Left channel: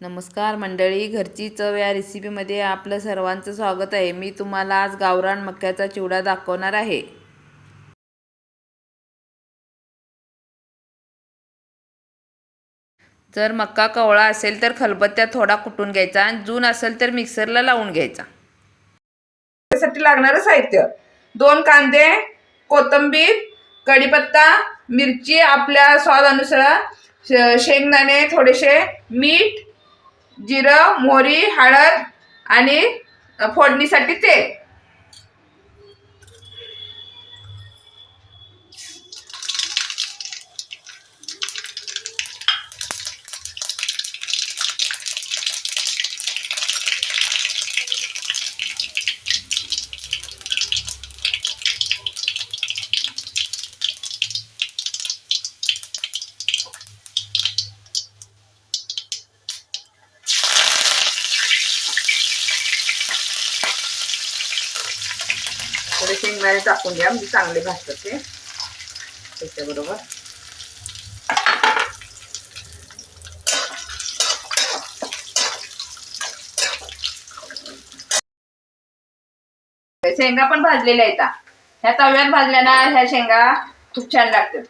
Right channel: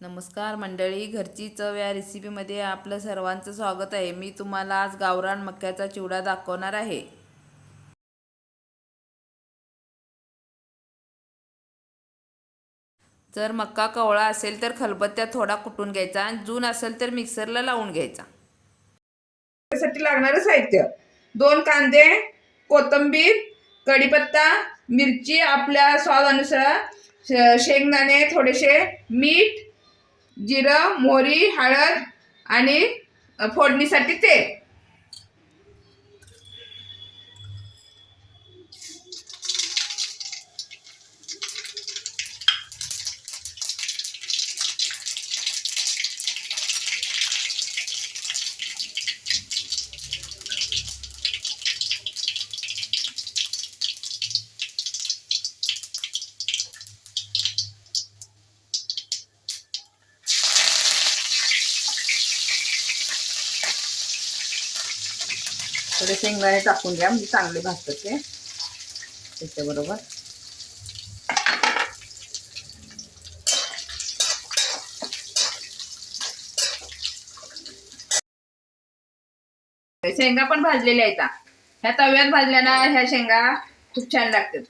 नमस्कार मंडळी, घरची चव या रेसिपीमध्ये आपलं सर्वांचं स्वागत आहे. मी तुम्हाला आज गावरान मक्याचा चिवडा दाखवणार आहे. जर मक्का कवळा असेल तर खलबत्त्यात थोडा कुटून घ्यायचा आणि जून असेल तर मिक्सरला लावून घ्यायचा. त्यासाठी लागणारं साहित्य: 2 कांदे, कोथिंबीर, कढीपत्ता, मिरची आपल्या स्वादानुसार, शेंगदाणे थोडेसे, मीठ, जिरं, मोहरी, हळद आणि फोडणीसाठी तेल. थोडे शेंगदाणे टाकून घ्या, म्हणजे चांगले भाजतात ते. त्याच्याबरोबर शेंगा पण भाजलेल्या आहेत. ह्या तव्यात भाजल्या ना, ह्या शेंगा खूप छान लागतात.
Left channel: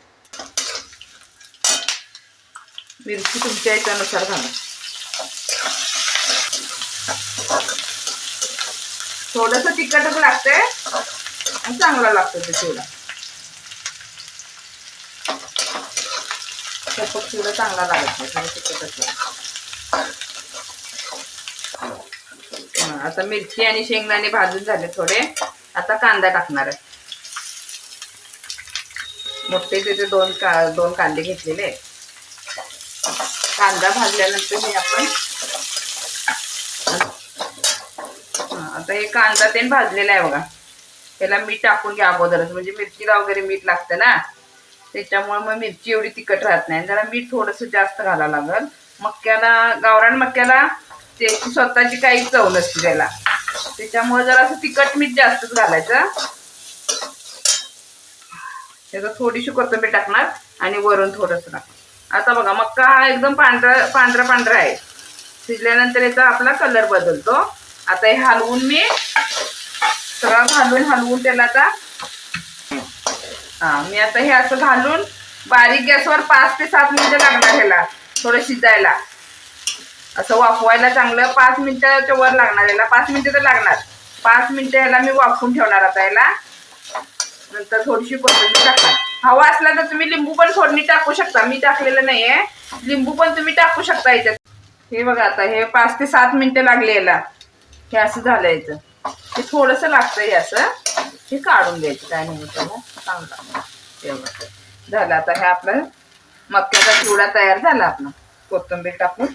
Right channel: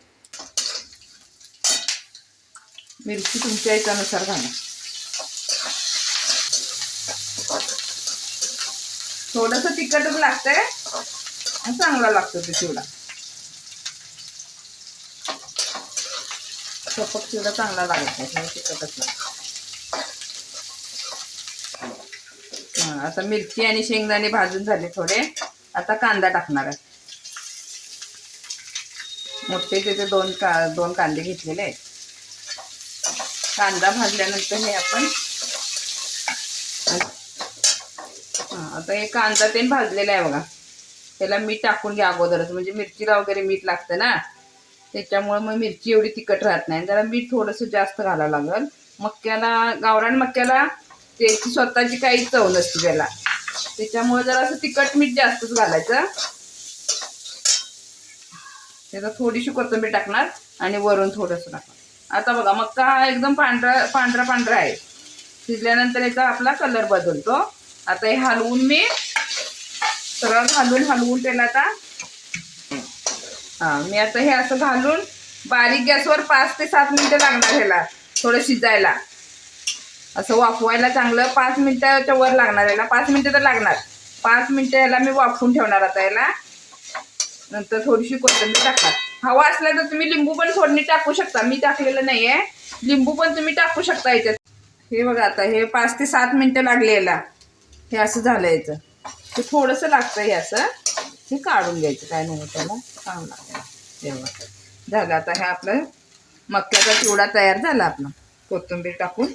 मिरची तुमच्या इच्छेनुसार घाला. थोडंसं तिखटच लागतंय आणि चांगला लागतो ते चिवडा. फक्त चिवडा चांगला लागत नाही, तिखटच लागतो. आता मिरची आणि शेंगदाणे भाजून झाले थोडे. आता कांदा टाकणार आहे. मोठे त्याचे दोन कांदे घेतलेले. कांदा भाजल्यानंतर हे आपण आता हे कांदा ते भाजलेला आहे बघा. त्याला मीठ टाकून घ्या अगोदरच, म्हणजे मिरचीला वगैरे मीठ लागतं ना, त्याच्यामुळे मग मिरची एवढी तिखट राहत नाही. जरा मीठ थोडंसं जास्त घालावं लागेल. मक्याला, गावरान मक्याला त्याची स्वतःची काही चव नसते त्याला, त्याच्यामुळे जरा असं तिखट मीठ जास्तच घालायचं. त्याचा थोडीशी कोथिंबीर टाकणार आणि वरून थोडंसं टाकणार. आता बघा, मक्का हा एकदम पांढरा आहे. शिजल्यानंतर याचा आपला कलर बदलतो. आता हे हलवून मी सगळं हलवून त्याला आता मी आता हे असं घालून बारीक गॅसवर 5 ते 7 मिनिटं लागणार ह्याला थोडं शिजायला. असं वाफवायला चांगलं 5 मिनिटाच्या वर लागणार याला. 5 मिनिटं तर लागणार. 5 मिनिटं याला मी वाफवून ठेवणार. आता याला नंतर थोडीशी कोथिंबीर टाकणार. हवा असला तर तुम्ही लिंबू पण फोडणी टाकू शकता. मी टाकलेलं नाहीये. लिंबू पण तुम्ही टाकू शकता याच्यात. हे बघा, आता हे 5 ते 7 मिनिटं लागले याला. हे असं झालं याचं. हे थोडंसं लागतं हे असं. हे काढून घ्यायचं, काय नाही त्याला. चांगलं हे बघा झालं. आता हे आपलं मक्याचा चिवडा तयार झाला आपला. कोथिंबीर टाकून